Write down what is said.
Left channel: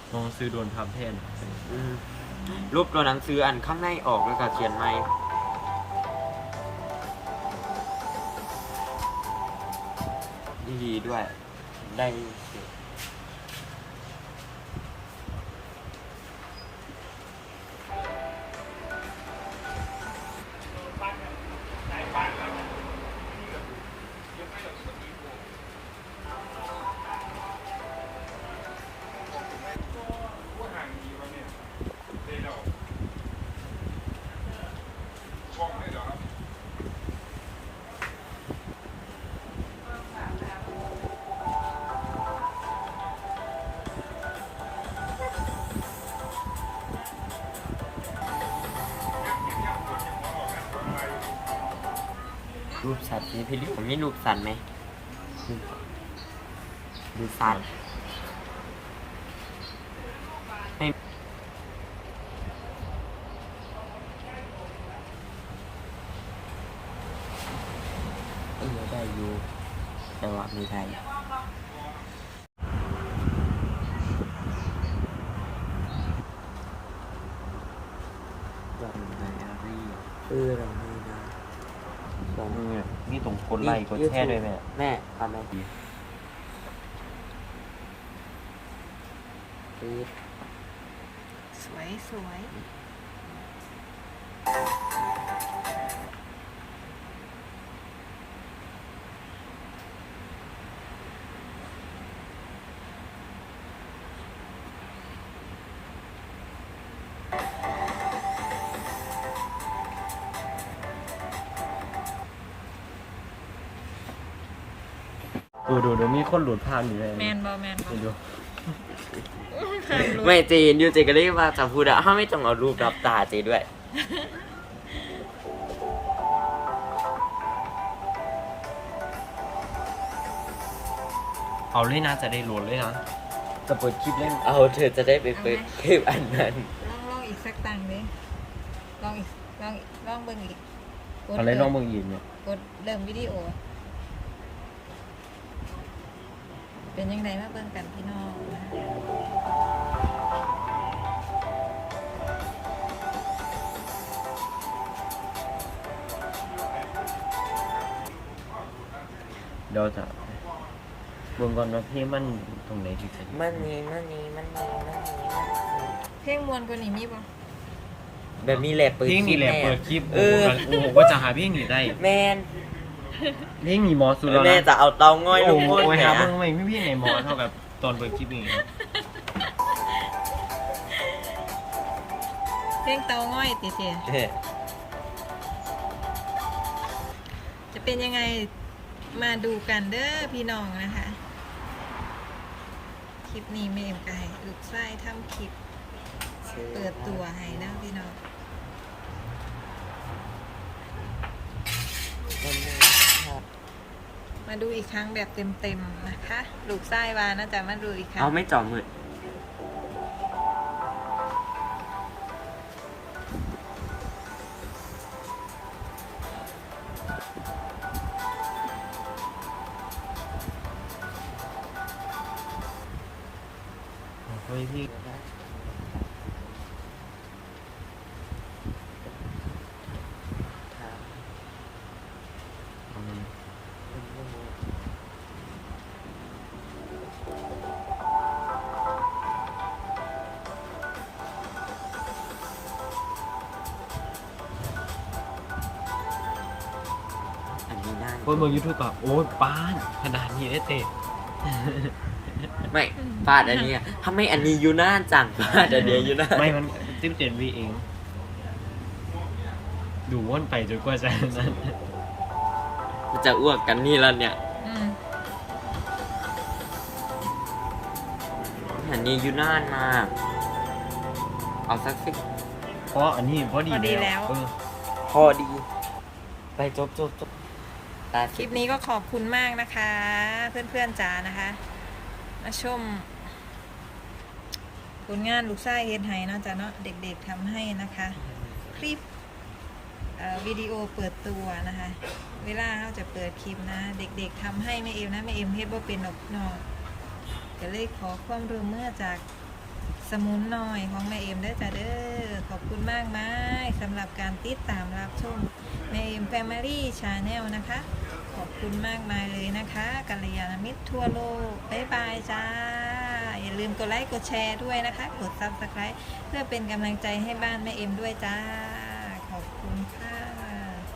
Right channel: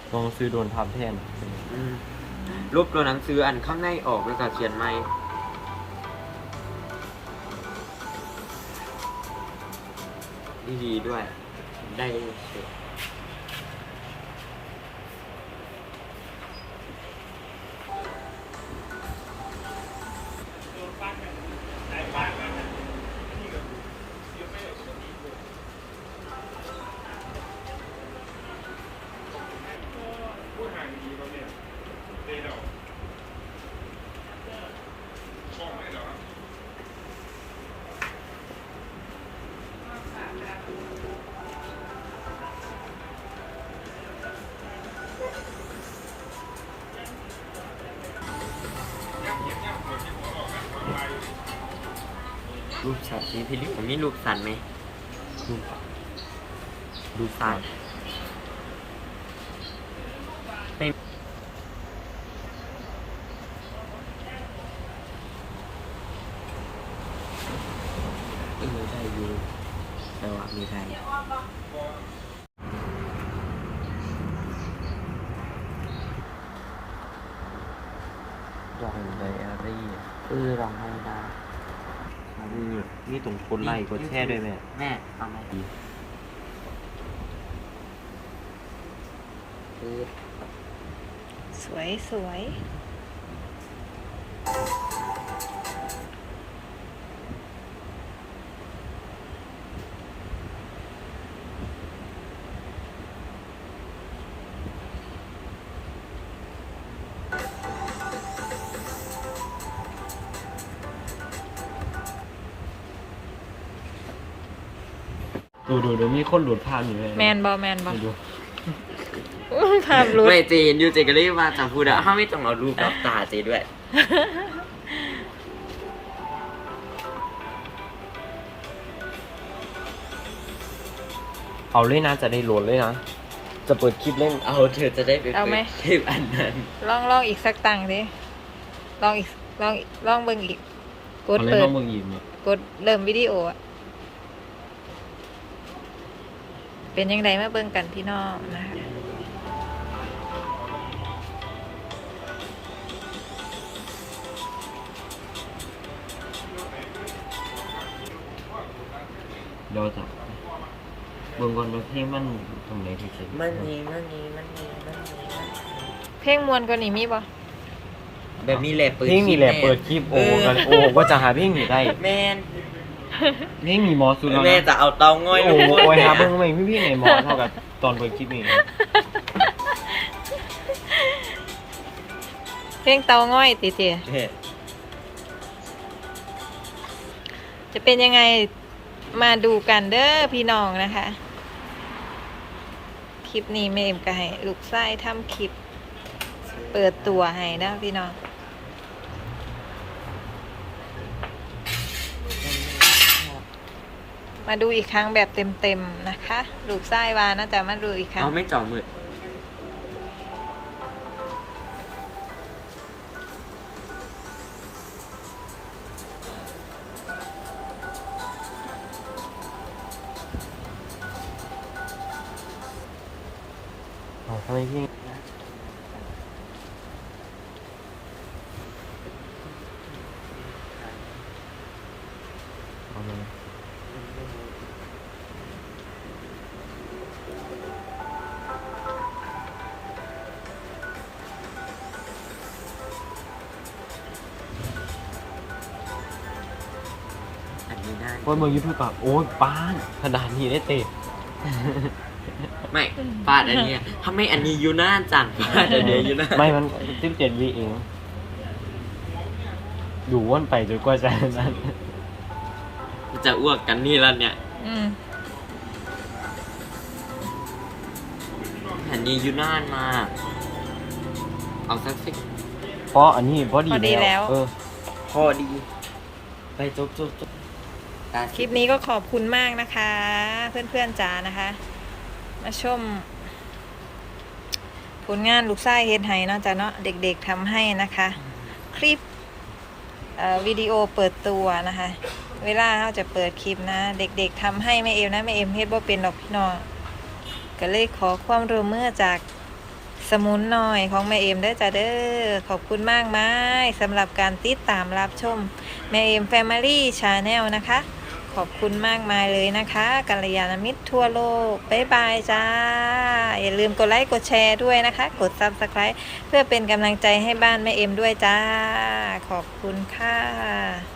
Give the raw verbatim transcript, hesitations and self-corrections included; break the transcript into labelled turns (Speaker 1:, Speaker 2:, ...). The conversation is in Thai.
Speaker 1: ต้องซื้อโดนทับแทน
Speaker 2: อืมรูปตัวหนังสืออันข้างในออกแล้วก็เขียนไม่ดีด้วยได้รูปสัตว์เป็นพี่ลิมีรูปสัตว์ไหมรูปสัตว์ไม่อินไทยอยู่จังหวัดมีไทย
Speaker 1: รองไดอารี่
Speaker 2: เออลองให้ได้ลอง
Speaker 1: นี่นี่ตรงกดไลค์กดแชร์ด้วยแม่
Speaker 2: แม่เอามาดีคือ
Speaker 3: สวยสวย
Speaker 1: ดูดูดูมีคนหลุดภาพอยู่เลย
Speaker 3: แมนบอแมนบอ
Speaker 1: ดู
Speaker 3: ภาพรุด
Speaker 2: ไม่เจนอยู่เจก็ได้ว่าจะพูดอะถ้าไม่ต้องเอารูปรับตาเจด้วย
Speaker 1: เอาเลยนะจะได้โหลดเลยนะจะเปิดคลิปเล่น
Speaker 2: เอาเธอจะได้ไปเปิดคลิปอันนั้น
Speaker 3: ลองลองอีกสักตังค์ดิลองอีกลองลองเบิ่งอีกกด
Speaker 1: เอาเลย
Speaker 3: เปิด
Speaker 1: น้องเมืองอีกเนี่ย
Speaker 3: กดเริ่มวิดีโออะเป็นยังไงมาเบิ่งกันพี่น้องนะคะ
Speaker 1: เดี๋ยวจะเบิ่งก่อนว่าเพลงมันตรงไหนที่จะ
Speaker 2: มันนี้มันนี้มันนี้มันนี้
Speaker 3: เพลงมวนกว่านี้มีบ่
Speaker 2: แบบนี้แหละเปิด
Speaker 1: เพลงนี่แหละเปิดคลิปโอ้กันโอ้ก็จะหาเพลงนี่ได้
Speaker 2: แมน
Speaker 1: เพลงมีหมอสุดแล้ว
Speaker 2: แม่
Speaker 1: นะ
Speaker 2: จะเอาเตาง่อย
Speaker 1: โอ้โอ้ยหาเบิ่งไม่พี่ไหนหมอเท่ากับตอนเปิดคลิปนี่
Speaker 3: เพลงเตาง่อยติเจ
Speaker 2: เออ
Speaker 3: จะเป็นยังไงมาดูกันเด้อพี่น้องนะคะ คลิปนี้เมมก็ให้ลูกไส้ทำคลิป เปิดตัวให้นะพี่น้อง มาดูอีกครั้งแบบเต็มๆนะคะ ลูกไส้วานะจะมาดูอีกครั้ง
Speaker 2: เอาไม่จ่อมือ
Speaker 1: เอาทำไมพี่เอามัน
Speaker 2: อันนี้ได้
Speaker 1: โอ้ยเบิ่งยูทูบแบบโอ้ยป้านขนาดนี้ได้เตะ
Speaker 2: ไม่ฟาดอันเนี้ยถ้าไม่อันนี้อยู่หน้าจังฟาดอันนี้อยู่หน้า
Speaker 1: ไม่มันสิบเจ็ดวีเอง ดูวนไปจนกว่าจะนั้น
Speaker 2: จะอ้วกกันนี่แล้วเนี่ย
Speaker 3: อืม
Speaker 2: อันนี้อยู่หน้ามาก เอาสักสิบ
Speaker 1: เพราะอันนี้พอดี
Speaker 3: พอดีแล้ว
Speaker 1: เออ
Speaker 2: พอดี ไปจบจบจบตา
Speaker 3: คลิปนี้ก็ขอบคุณมากนะคะ เพื่อนๆจ๋านะคะ มาชม ผลงานลูกไส้เฮ็ดไห้เนาะจ้ะเนาะเด็กๆทำให้นะคะ คลิปเอ่อวิดีโอเปิดตัวนะคะ เวลาเขาจะเปิดคลิปนะ เด็กๆทำให้แม่เอมนะแม่เอมเฮ็ดบ่เป็นดอกพี่น้องก็เลยขอความร่วมมือจากสมุนหน่อยของแม่เอ็มเด้อจ้าเด้อขอบคุณมากมายสำหรับการติดตามรับชมแม่เอ็ม Family Channel นะคะ ขอบคุณมากมายเลยนะคะกัลยาณมิตรทั่วโลกบ๊ายบายจ้า อย่าลืมกดไลค์กดแชร์ด้วยนะคะ กด Subscribe เพื่อเป็นกำลังใจให้บ้านแม่เอ็มด้วยจ้า ขอบคุณค่ะ